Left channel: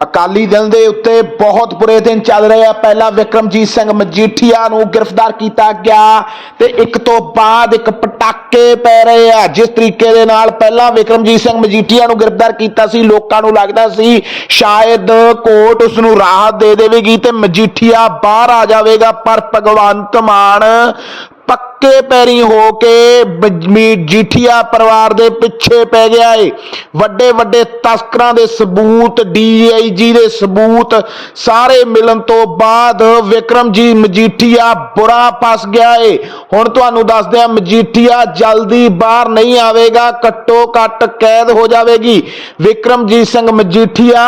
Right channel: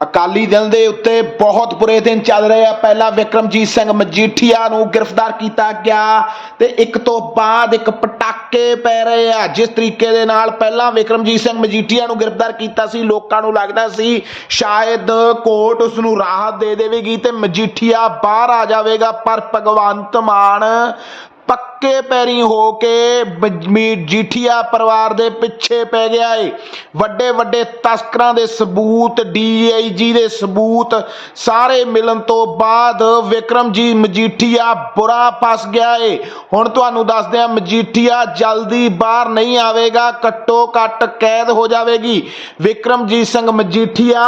ਅਕਾਲੀ ਦਲ ਦੇ ਉੱਤੇ ਬਹੁਤ ਬੁਰੇ ਦਿਨ ਚੱਲ ਰਹੇ ਆ। ਪਹਿਲਾਂ ਵਿਕਰਮਜੀਤ ਸਿੰਘ ਮਜੀਠੀਆ ਨੂੰ ਗ੍ਰਿਫਤਾਰ ਕੀਤਾ ਗਿਆ ਤੇ ਇੱਕ ਤੋਂ ਬਾਅਦ ਇੱਕ ਪਟਾਕੇ ਪੈ ਰਹੇ ਆ। ਜਿਸ ਤਰੀਕੇ ਦੇ ਨਾਲ ਪਹਿਲਾਂ ਵਿਕਰਮਜੀਤ ਸਿੰਘ ਮਜੀਠੀਆ ਨੂੰ ਗ੍ਰਿਫਤਾਰ ਕੀਤਾ ਸੀ, ਲੋਕਾਂ ਨੂੰ ਲੱਗਦਾ ਸੀ ਸ਼ਾਇਦ ਕੋਰਟ ਉਸ ਨੂੰ ਰਾਹਤ ਦੇ ਦੇਵੇਗੀ ਤੇ ਮਜੀਠੀਆ ਬਾਹਰ ਆ ਜਾਵੇਗਾ, ਪਰ ਭਗਵੰਤ ਮਾਨ ਪੱਕੇ ਪੈਰੀ ਹੋ ਕੇ ਮਜੀਠੀਆ ਪਰਿਵਾਰ ਦੇ ਪਿੱਛੇ ਪੈ ਗਿਆ ਏ। ਵੱਡੇ ਵੱਡੇ ਤਸਕਰਾਂ ਦੇ ਸਬੂਤ ਡੀਆਈਜੀ ਦੇ ਸਬੂਤ, ਸਾਰੇ ਮਿਲਣ ਤੋਂ ਬਾਅਦ ਵਿਕਰਮਜੀ ਮਜੀਠੀਆ ਬੁਰਾ ਫਸ ਗਿਆ ਏ। ਹੁਣ ਤੁਹਾਨੂੰ ਦੱਸਦੇ ਆ ਮਜੀਠੀਆ ਜਲਦੀ ਬਾਹਰ ਨਹੀਂ ਆਵੇਗਾ, ਘੱਟੋ ਘੱਟ ਕੈਦ ਹੋ ਜਾਵੇਗੀ। ਵਿਕਰਮਜੀਤ ਸਿੰਘ ਮਜੀਠੀਆ,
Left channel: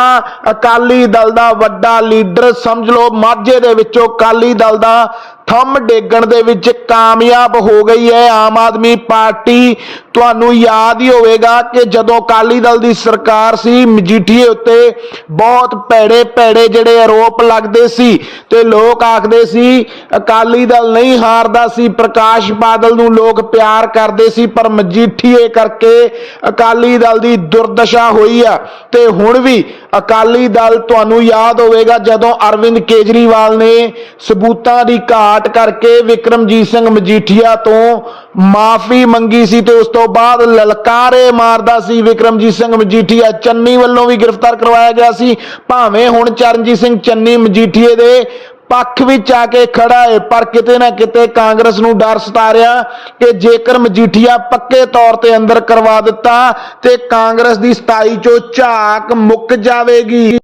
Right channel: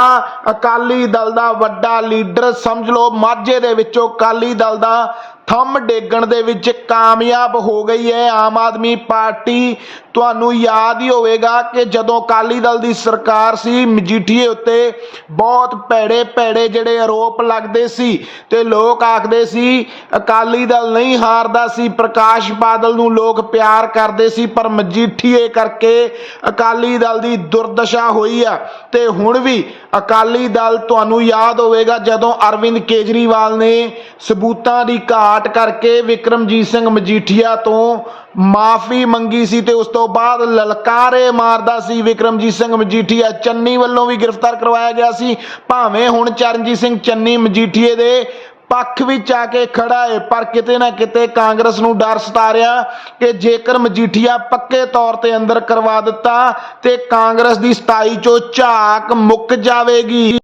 ਅਕਾਲੀ ਦਲ ਦਾ ਵੱਡਾ ਲੀਡਰ ਸਮਝ ਲਓ, ਮਾਝੇ ਦੇ ਵਿੱਚੋਂ ਅਕਾਲੀ ਦਲ ਦਾ ਥੰਮ ਡੇਗਣ ਦੇ ਵਿੱਚ ਕਾਮਯਾਬ ਹੋ ਗਈ ਹੈ। ਆਮ ਆਦਮੀ ਪਾਰਟੀ ਤੁਹਾਨੂੰ ਯਾਦ ਹੀ ਹੋਵੇਗਾ ਕਿ ਜਦੋਂ ਅਕਾਲੀ ਦਲ ਦੀ ਸਰਕਾਰ ਸੀ, ਮਜੀਠੀਏ ਉੱਤੇ ਬਹੁਤ ਭੈੜੇ ਭੈੜੇ ਜਿਹੜੇ ਆਰੋਪ ਲੱਗਦੇ ਸੀ ਤੇ ਲੋਕ ਆਖਦੇ ਸੀ, ਅਕਾਲੀ ਦਲ ਨਹੀਂ ਹਾਰਦਾ ਸੀ, ਪ੍ਰਕਾਸ਼ ਬਾਦਲ ਨੂੰ ਲੋਕ ਪਿਆਰ ਕਰਦੇ ਸੀ, ਪਰ ਮਜੀਠੀਏ ਕਰਕੇ ਅਕਾਲੀ ਦਲ ਦੀ ਦੁਰਦਸ਼ਾ ਹੋਈ ਆ। ਤੇ ਹੁਣ ਵੀ ਅਕਾਲੀ ਦਲ ਤੁਹਾਨੂੰ ਯਾਦ ਹੋਵੇਗਾ ਜਦੋਂ ਅਰਵਿੰਦ ਕੇਜਰੀਵਾਲ ਨੇ ਸਬੂਤਾਂ ਦੀ ਘਾਟ ਕਰਕੇ ਵਿਕਰਮਜੀਤ ਸਿੰਘ ਮਜੀਠੀਆ ਤੋਂ ਮਾਫੀ ਮੰਗੀ ਸੀ ਤੇ ਉਸ ਤੋਂ ਬਾਅਦ ਲਲਕਾਰੇ ਮਾਰਦਾ ਸੀ ਵਿਕਰਮਜੀਤ ਸਿੰਘ ਮਜੀਠੀਆ। ਚੰਨੀ ਵੱਲੋਂ ਵੀ ਗ੍ਰਿਫਤਾਰ ਕਰਵਾਇਆ ਗਿਆ ਸੀ। ਭਾਵੇਂ ਹੁਣ ਚਰਨਜੀਤ ਸਿੰਘ ਚੰਨੀ ਮਜੀਠੀਏ ਦੇ ਪੱਖ ਵਿੱਚ ਆ ਕੇ ਖੜਾ ਹੈ ਪਰ ਕਿਤੇ ਨਾ ਕਿਤੇ ਕਾਂਗਰਸ ਨੂੰ ਡਰ ਸਤਾ ਰਿਹਾ ਕਿ ਜੇਕਰ ਮਜੀਠੀਆ ਪੱਕੇ ਤੌਰ ਤੇ ਅੰਦਰ ਕਰਵਾ ਦਿੱਤਾ ਤੇ ਕਾਂਗਰਸ ਦੀ 27 ਚੋਂ ਝਾਕ ਮੁੱਕ ਜਾਵੇਗੀ।